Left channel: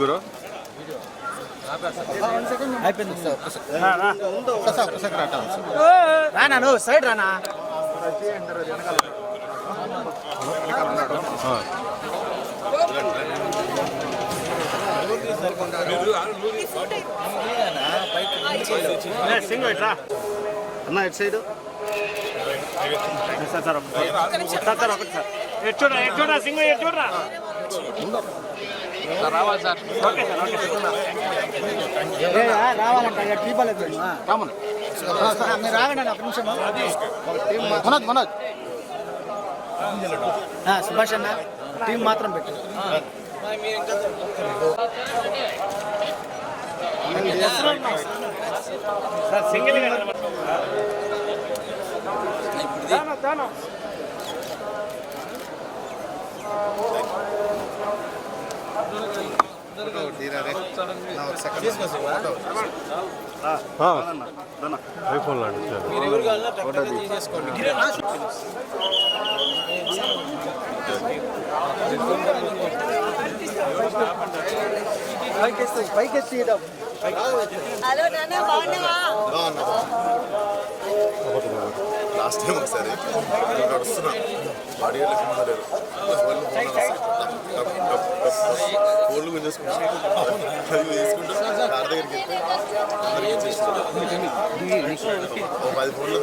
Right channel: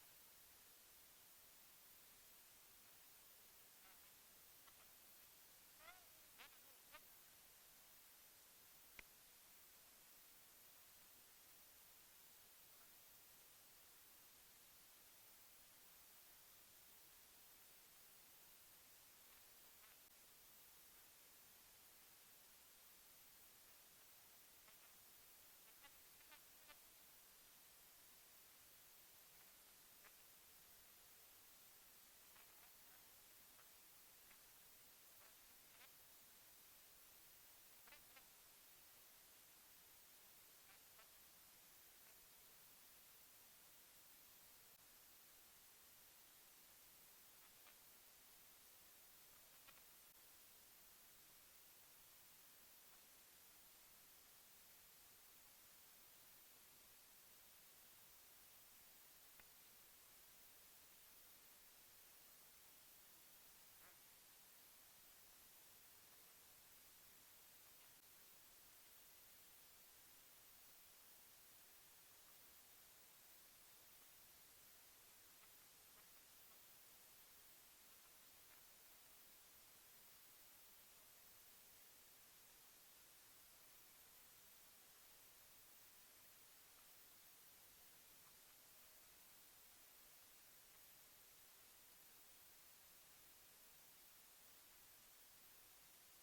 గురు రానా నువ్వు సైడ్ రానా సింగ్ ఇట్లా అన్న ఇటు సైడ్ సార్ సార్ సార్ ఒకటి సార్ ఎటు చూడరా సింగ్ ఎటు చూడరా రావాలి సార్. ఓకే సార్ ఓకే రావాలంట టీపలేదు కామన్ మీరు రాగండి ఒక నిమిషం మనోజ్ మనోజ్ సుభాష్ అన్న టీం మాత్రం పెట్టు సార్ సింగిల్ ఐఫోన్ లాంటి పైకెత్తి లాస్ట్ టైం ఒకసారి నడుస్తున్నా బాడీ లేరు ఫోన్లు గుంజేసుకుంటా వేసుకుంటూ కార్ దగ్గరికి వెళ్తే అందరికీ చేస్తున్నా 10 ఫోన్లు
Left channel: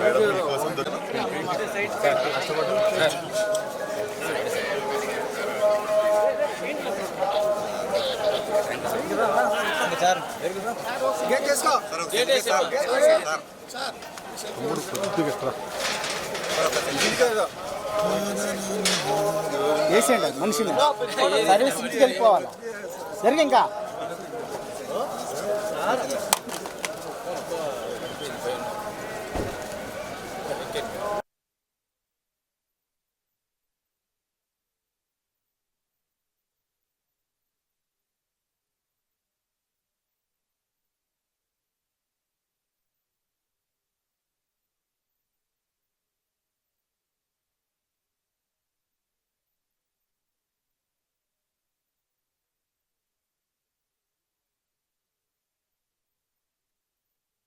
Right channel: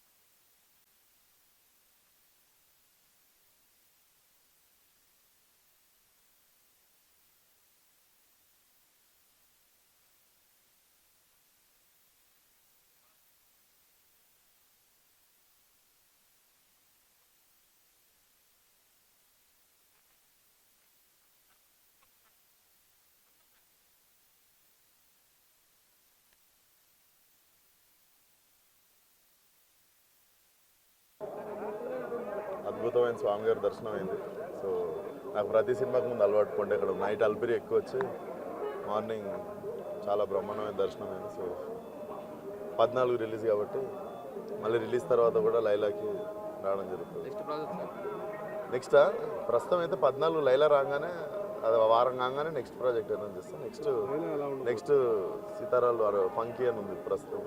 మేడం మీకోసం వేసేయండి మనిషిని సర్వీస్ ఇంటికి వెళ్ళిపోవాలి జరిగి ఇంకా అద్భుతమైన స్వామి గారి దర్శనం అయింది. సో నాకు ప్రతి సినిమాకి ముందు అలవాటు పండి ఇక్కడ నైట్ అల్పిరి ఎక్కువ వచ్చి మార్నింగ్ చాలా బ్రహ్మాండమైన దర్శనం అయింది. సో 14 రిలీజ్ కాబట్టి మళ్ళీ రిలీజ్ తర్వాత కూడా లైలాకి రావడం జరుగుతుంది. నెక్స్ట్ ప్రస్తుతం అయితే 14 లైలా రాగానే అది వారం కాగానే నెక్స్ట్ ప్రాజెక్ట్ ఏదైనా చేస్తాం. నెక్స్ట్ సీతారాలు ఫంకీ అని ఉంది ప్రస్తుతం.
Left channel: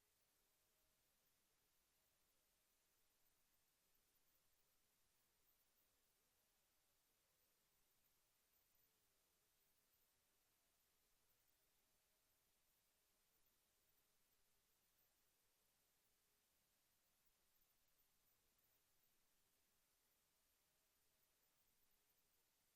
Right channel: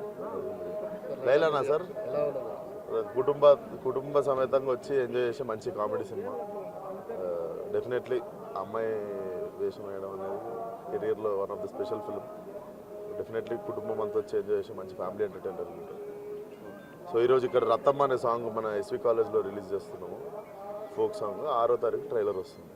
లైలానా సార్ కుటుంబ సమేతంగా వచ్చి ఎంజాయ్ చేసే మంచి కామెడీ సినిమా. డెఫినెట్లీ అమ్మాయి వేషం వేయడం అనేది కెరియర్లో one of the special film. Definitely కుటుంబం అంతా వచ్చి ఎంజాయ్ చేసే మంచి ఫ్యామిలీ ఎంటర్టైనర్ ఉంటుంది. సో ఈరోజు ఇక్కడ రత్తమ్మ అనే సాంగ్ మన ఎస్వి కాలేజ్లో రిలీజ్ చేస్తున్నాము. ఫోక్ సాంగ్ 6వ తారీఖు ట్రైలర్ వస్తుంది.